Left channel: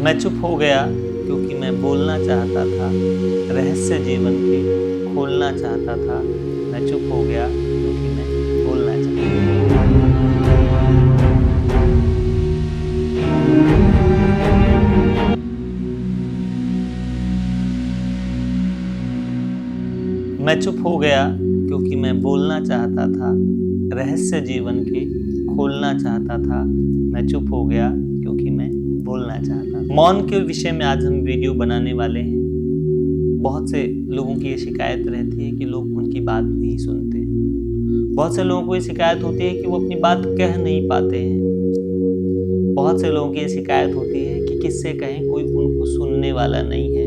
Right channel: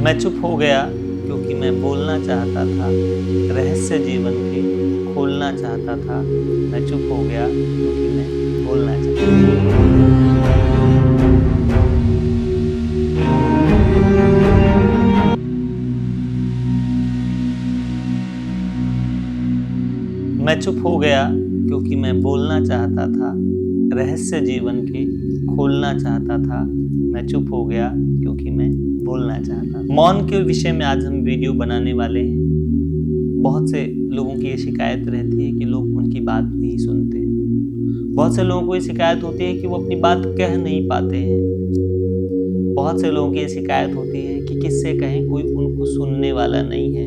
मैं चुप हो गया क्योंकि मैं बोलना चाहता था, रहस्य जीवन के खोलना चाहता था। मैं चुप हो गया क्योंकि मैं बोलना चाहता था। मैं चुप हो गया क्योंकि मैं बोलना चाहता था, रहस्य जीवन के खोलना चाहता था। मैं चुप हो गया क्योंकि मैं बोलना चाहता था। मौन के विषय में आज हम वीडियो बनाने वाले हैं। बहुत से लोगों की ये शिकायत रहती है कि लोग उनकी बात नहीं सुनते हैं। बहुत से लोगों को ये शिकायत होती है कि वो अपनी बात कह नहीं पाते हैं। बहुत से लोगों की ये शिकायत होती है कि किससे कहें, कोई उनको सुनने वाला नहीं है।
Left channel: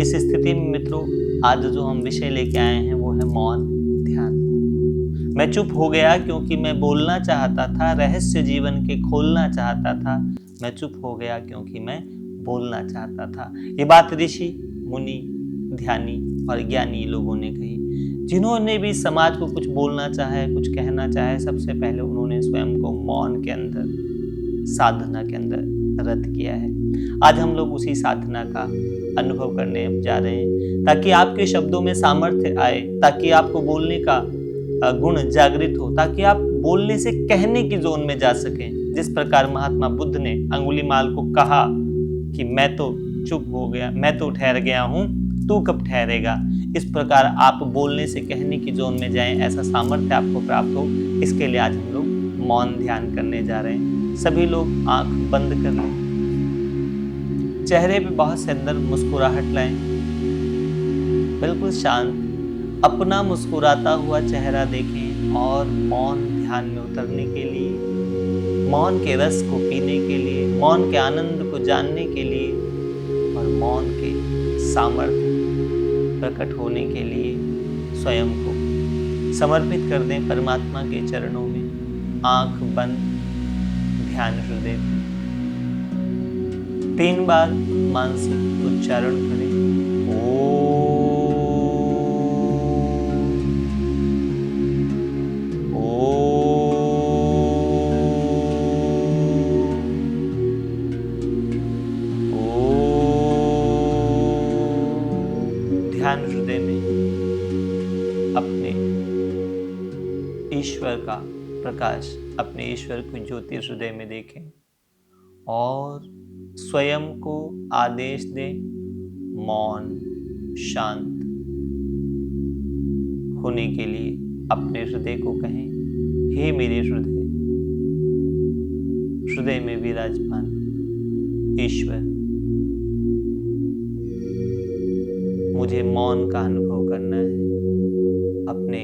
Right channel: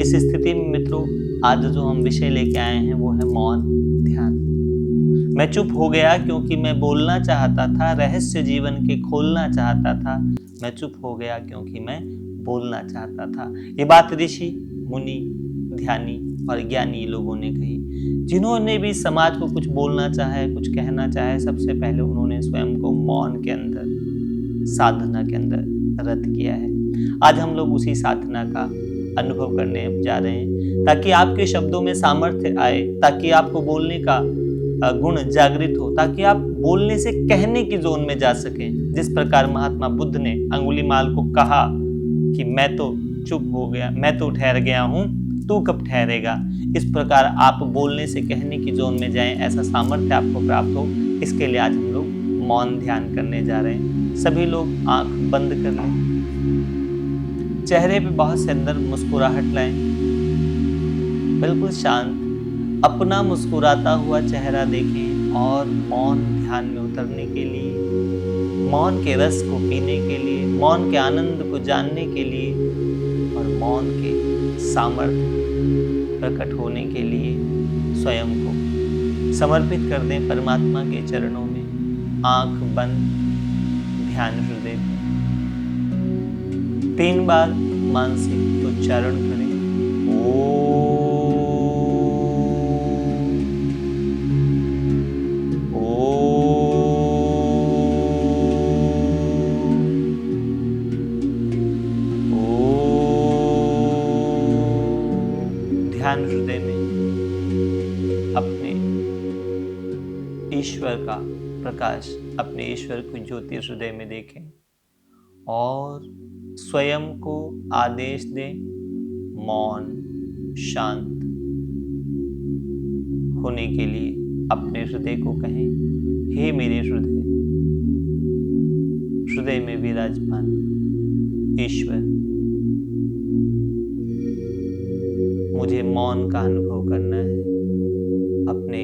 इस स्थिति में मित्रों, आज जो हम विषय लेके आए हैं वो है मौन ध्यान। मैं चुप हो गया क्योंकि मैं बोलना चाहता था, रहस्य जीवन के खोलना चाहता था। मैं चुप हो गया क्योंकि मैं बोलना चाहता था। ये बात ऋषि, मुनि, ध्यानी और ज्ञानी लोगों ने कही। जिन्होंने भी समाज को कुछ बोलना चाहे, कुछ कहना चाहे, सबसे पहले उन्होंने स्वयं को मौन के अंदर, साधना के अंदर रत किया है। आज हम लोग उसी साधना का अनुभव करने जा रहे हैं, ताकि आपके शब्दों में सामर्थ्य आए, ताकि आपको बोलने का गुण जागृत हो, ताकि आप बोलने से कहने की जोन में जा सकें। जिस प्रकार महात्मा बुद्ध ने अंगुलीमाल को कहा कि मैं तो चुप हो गया, मैं तो ठहर गया हूं, तू कब ठहरेगा। इस प्रकार आप बोलने से कहने की जोन में जाएं, ऐसा सामर्थ्य आपको प्राप्त हो। इसके लिए आज हम लोग मौन ध्यान करने जा रहे हैं। सभी लोग आंख बंद कर लें, चेहरे पे बहुत से अंदर मुस्कुराहट लाएं, बिल्कुल शांत अपना मुस्कुराता हुआ चेहरा देखें और मौन ध्यान में उतरने के लिए, मौन के रस को पीने के लिए, मौन के आनंद को जानने के लिए और मौन के सामर्थ्य प्रकट होने के लिए स्वयं को समर्पित कर दें परमात्मा के चरणों में। आंख बंद, ध्यान हृदय पे 3 बार मानसिक उच्चारण करें। ध्यान हृदय में अपने ईश्वर का प्रकाश, अपने ईश्वर की ज्योति हृदय में देखें और स्वयं को आदेश दें मौन शांत होने के लिए। अपने हृदय को कहें, हे मेरे हृदय, हृदय में विराजमान ईश्वर, मुझे मौन का अनुभव करना है। अपने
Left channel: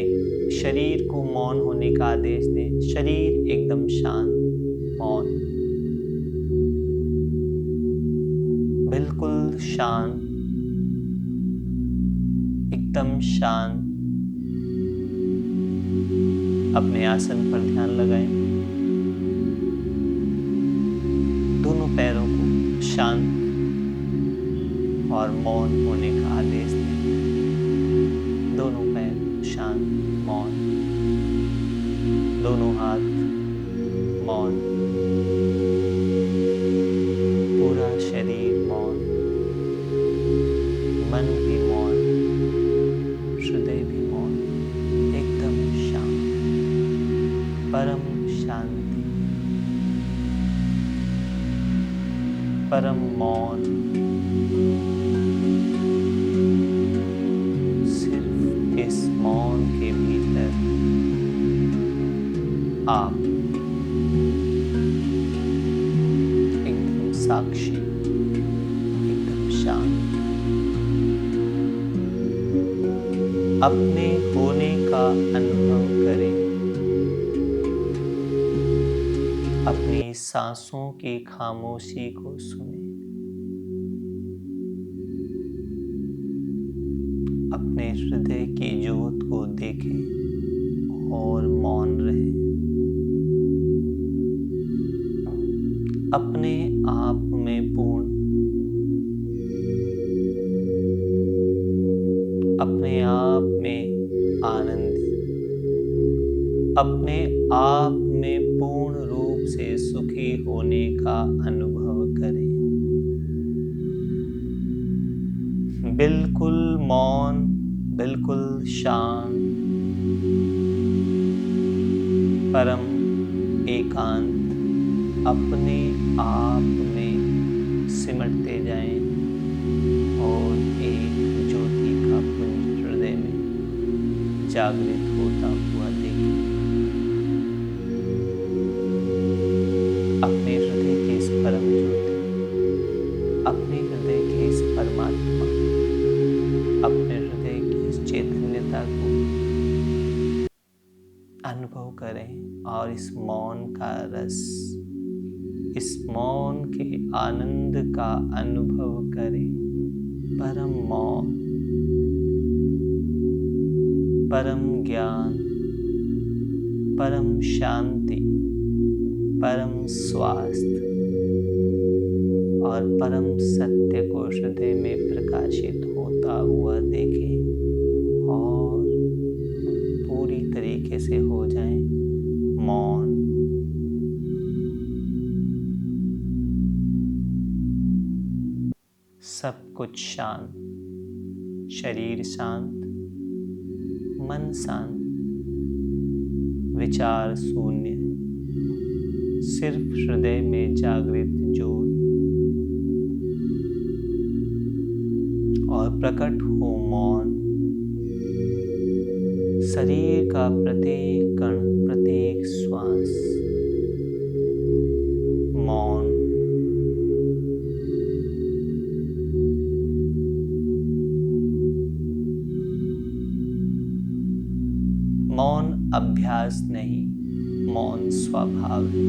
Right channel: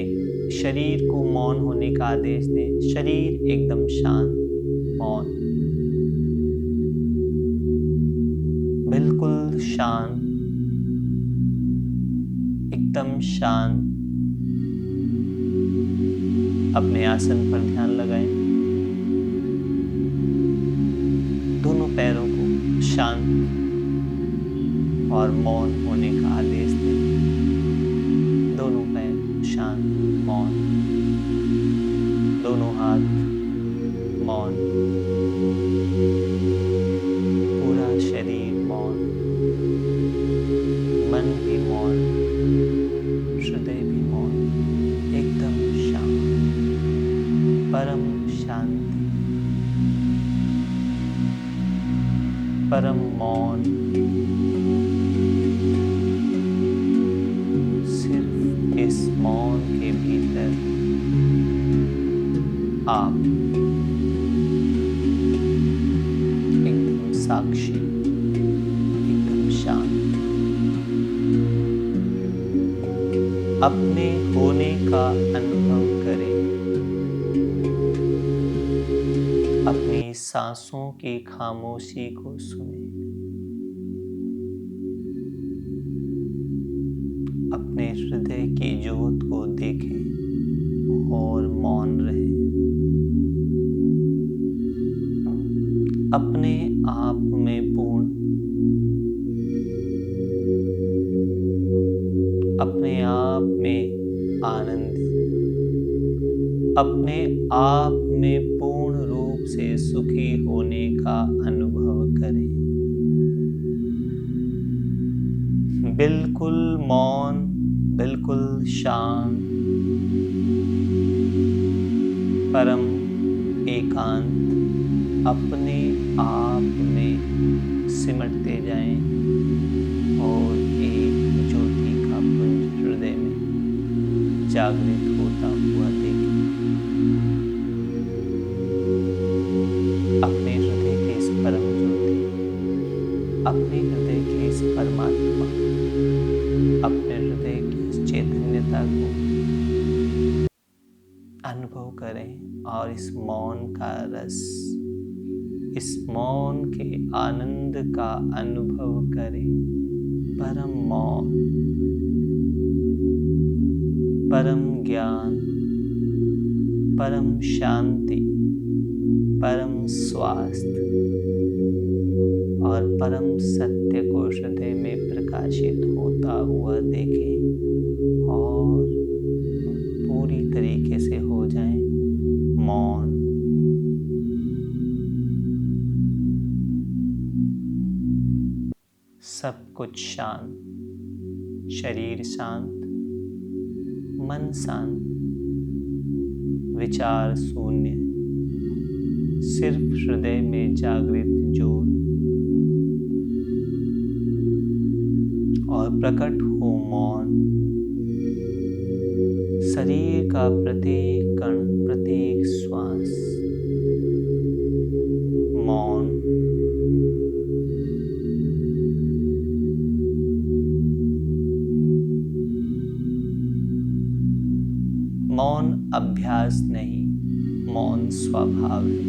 शरीर को मौन होने का आदेश दें। शरीर एकदम शांत, मौन, बिल्कुल शांत, एकदम शांत। अपने आसन पर ध्यान लगाएं। दोनों पैरों को शांत और मौन होने का आदेश दें। दोनों पैर शांत, मौन, दोनों हाथ मौन, पूरा शरीर मौन, मन भी मौन, हृदय भी मौन, एकदम शांत, परम शांति, परम मौन। सिर्फ इस मौन के भीतर आप एकदम साक्षी, एकदम शांत, अपने होने का अनुभव करें। अपनी सांसों की खामोशी को सुने। अपने हृदय की ज्योत को देखें और मौन रहे। अपने आप में पूर्ण, अपने आप में आनंदित, अपने आप में पूर्ण रूप से सुखी होने का अनुभव करें। बिल्कुल मौन, बिल्कुल शांत, परम एकांत अपने आप में सिमटते जाएं और एक ज्योति का पुंज हृदय में जागृत होता हुआ देखें। अपने हृदय के इस परम ज्योति, अपने हृदय के इस परमात्मा, अपने हृदय की इस चैतन्यता को अनुभव करें और इस मौन का रस, इस मौन के आनंद का अनुभव करें। परम मौन, परम ज्ञान, परम शांति, परम स्वास्थ्य और परम सत्य को हृदय में प्रकाशित होता हुआ देखें और पूरी तरीके से हो जाएं मौन। सब कुछ शांत, शरीर शांत, मन शांत, विचार शून्य, सिर्फ हृदय में जागृत ज्योत और प्रकट हो मौन। शरीर का प्रत्येक कण, प्रत्येक श्वास मौन। मौन अभ्यास नहीं, मौन स्वभाव है,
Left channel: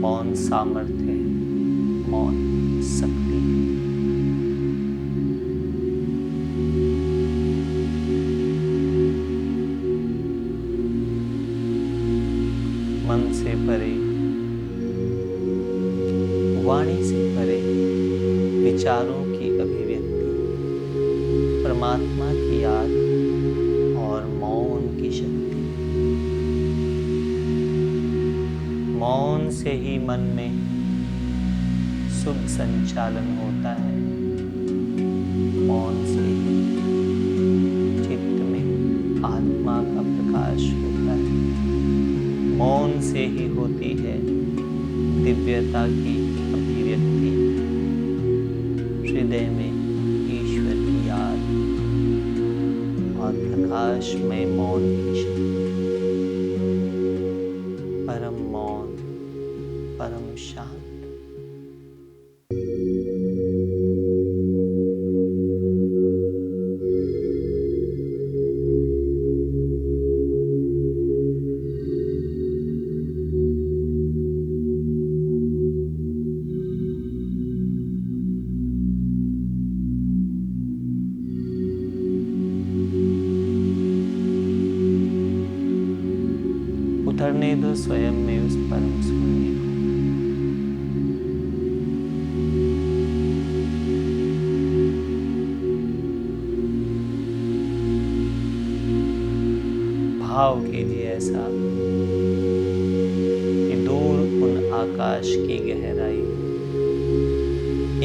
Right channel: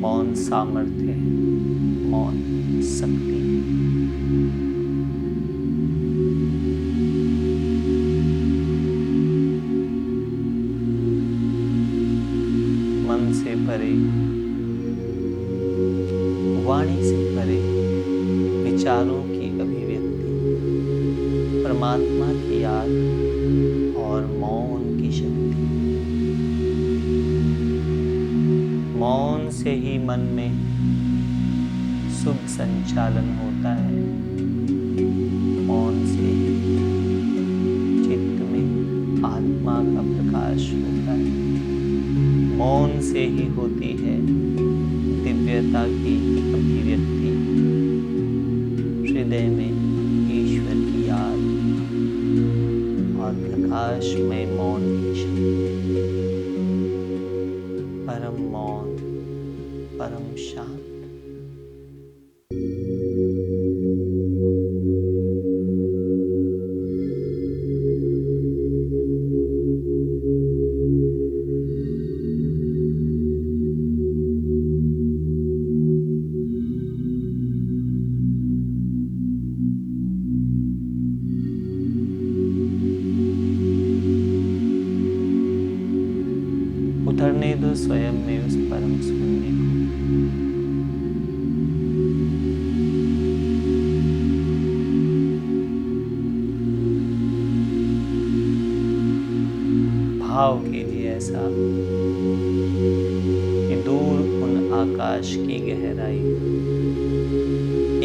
मौन सामर्थ्य है, मौन शक्ति है। मन से परे, वाणी से परे विचारों की अभिव्यक्ति, परमात्मा की याद और मौन की शक्ति। मौन से ही मन में शुभ संचालन होता है, मौन से ही चित्त में आत्मा का प्रकाश होता है, मौन से ही होती है दिव्यता की अभिव्यक्ति, हृदय में ईश्वर की याद और प्रकाशमय मौन की शक्ति। परम मौन, परम शांत। उतरने दो स्वयं में उस परम शून्य को। भाव कीजिए ऐसा कि दूर उन आकाश की गहराई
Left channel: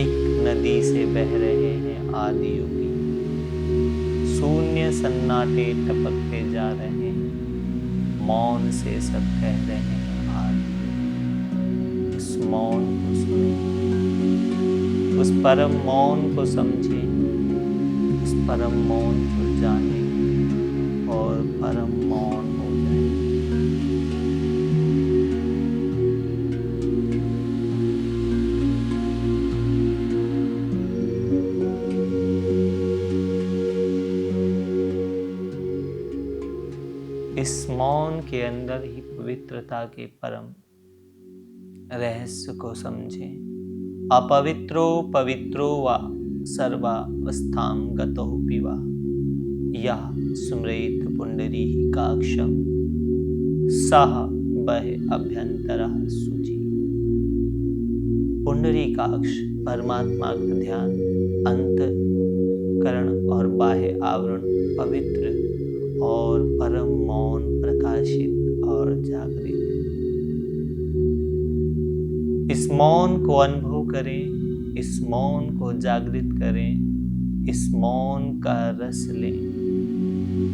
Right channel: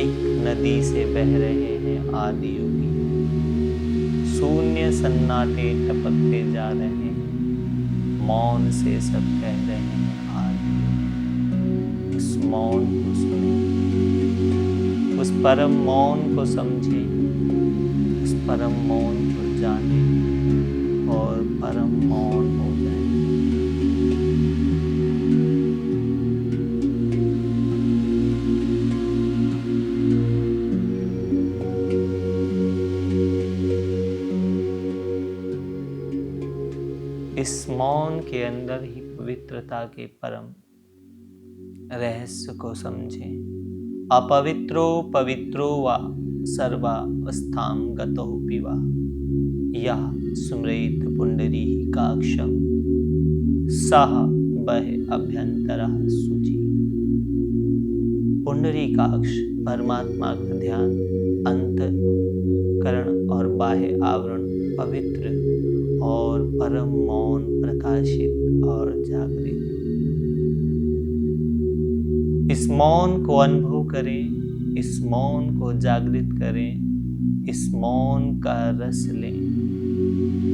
एक नदी से बह रहे हैं आदि योगी, शून्य सन्नाटे टपकते जा रहे हैं, मौन से सब कह रहे हैं आदि। उस मौन को सुने, उस परम मौन को समझे, उस परम मौन को जाने और परम मौन हो जाए। इस मौन के अंदर ही पवित्रता के परम रहस्य को समझें। अपवित्रो पवित्रो वा सर्वावस्थां गतो पिवा यः स्मरेत पुंडरीकाक्षं सः वह अभ्यंतरः शुचि। पुंडरीकाक्ष परमात्मा का ध्यान, अंतःकरण और बाह्य आवरण पवित्र और परम मौन, प्रकाशित और जागृत। इस मौन को अनुभव करें इस मौन को जागृत करें, इस मौन का रस लें।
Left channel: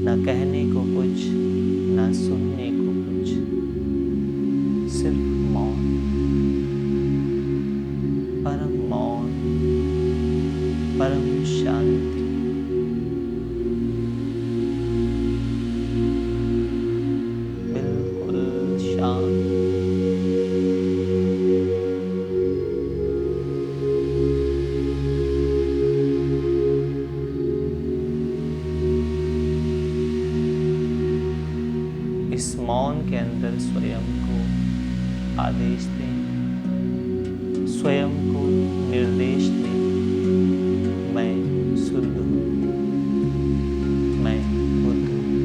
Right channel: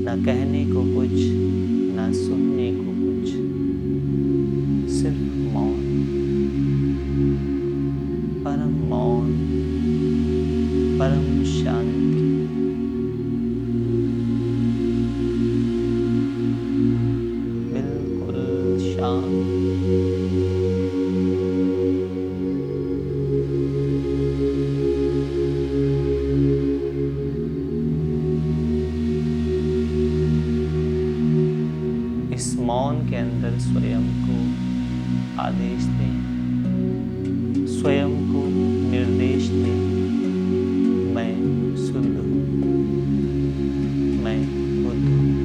न कहने को कुछ, न सुनने को कुछ, सिर्फ मौन, परम मौन, परम शांति। बिल्कुल शांत। इस मौन के अंदर स्वयं को आदेश दें, स्वयं को निर्देश दें, मैं शुद्ध हूँ, मैं बुद्ध हूँ,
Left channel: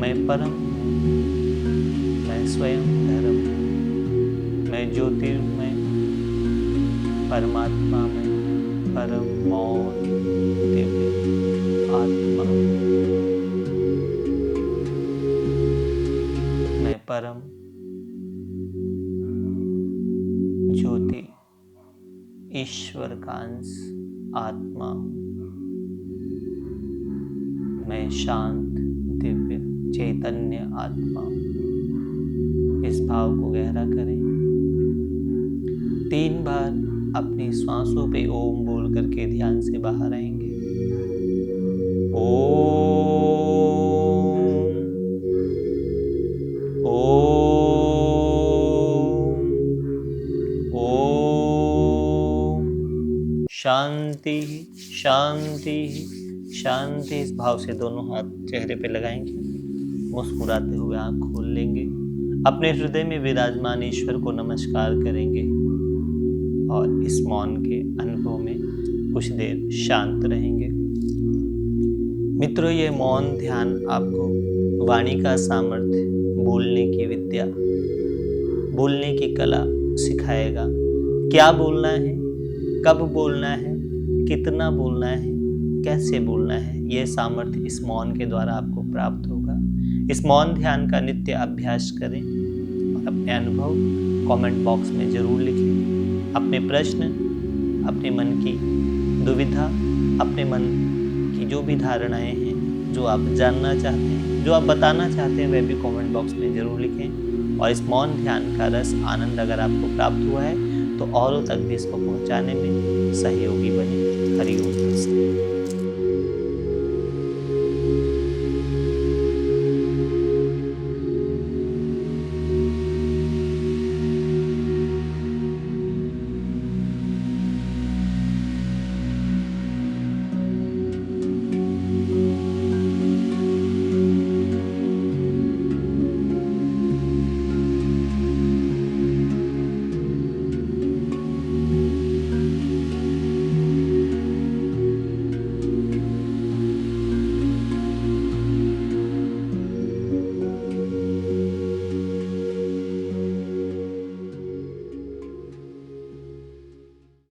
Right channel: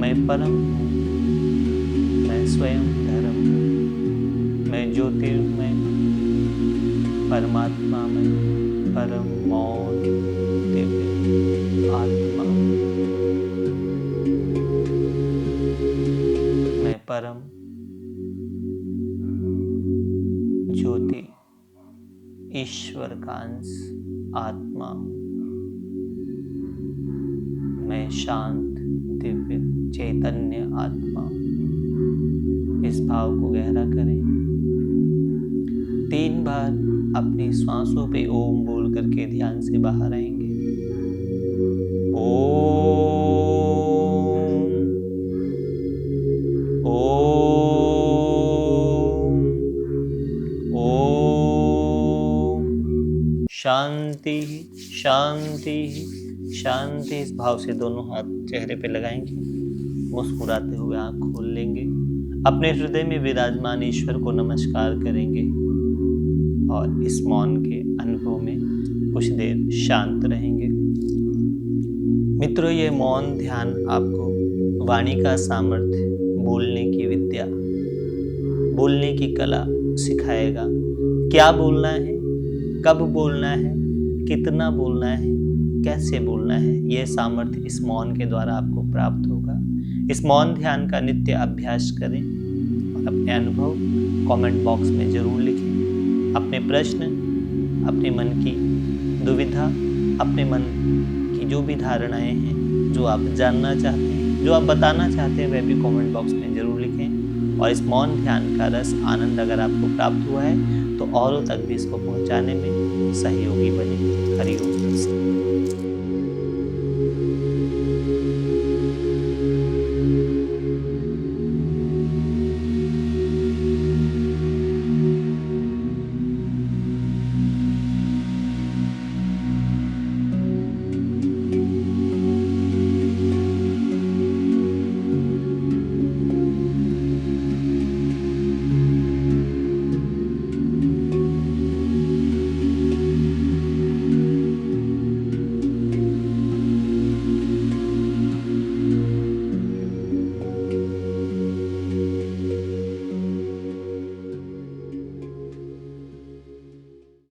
मैं परम हूँ, मैं स्वयं धर्म हूँ, मैं ज्योतिर्मय, परमात्मा में परम मौन दिव्य आत्मा हूँ। मैं परम ज्योति ईश्वर का अंश आत्मा हूँ। मैं शांत दिव्य चैतन्य आत्मा हूँ। इस भाव को गहरा करें। 3 बार अपनी श्वासों पे ओम बोल करके ध्यान से बाहर आएंगे। ओम, ओम, ओम। शांति शांति शांति। इस भाव से दोनों हाथ चेहरे पे लगाएंगे। मुस्कुराते हुए आंख खोल लेंगे। अपने हृदय में विराजमान ईश्वर को नमस्कार करेंगे और इस मौन के अनुभव में कुछ देर शांत रहेंगे। मित्रों, ये मौन ध्यान आपको वाणी का सामर्थ्य, बोलने की विद्या, बोलने की कला सिखाएगा। क्या बोलना है, कब बोलना है, कितना बोलना है, कैसे बोलना है, यह सामर्थ्य इस मौन के द्वारा आपको प्राप्त होगा। इस मौन ध्यान का नित्य अभ्यास करें और अपने अनुभव कमेंट बॉक्स में जरूर लिखें। अपने प्रश्न, अपने मन की दुविधा, अपने मन की जो भी धारणाएं हैं, जो आप जानना चाहते हैं, जो आप बताना चाहते हैं, वह भी कमेंट बॉक्स में जरूर लिखें। और इस मौन ध्यान का रस, आनंद अगर आपको प्राप्त हुआ है तो औरों तक भी इसको पहुंचाने में सहयोगी बने। हरि ओम तत्सत।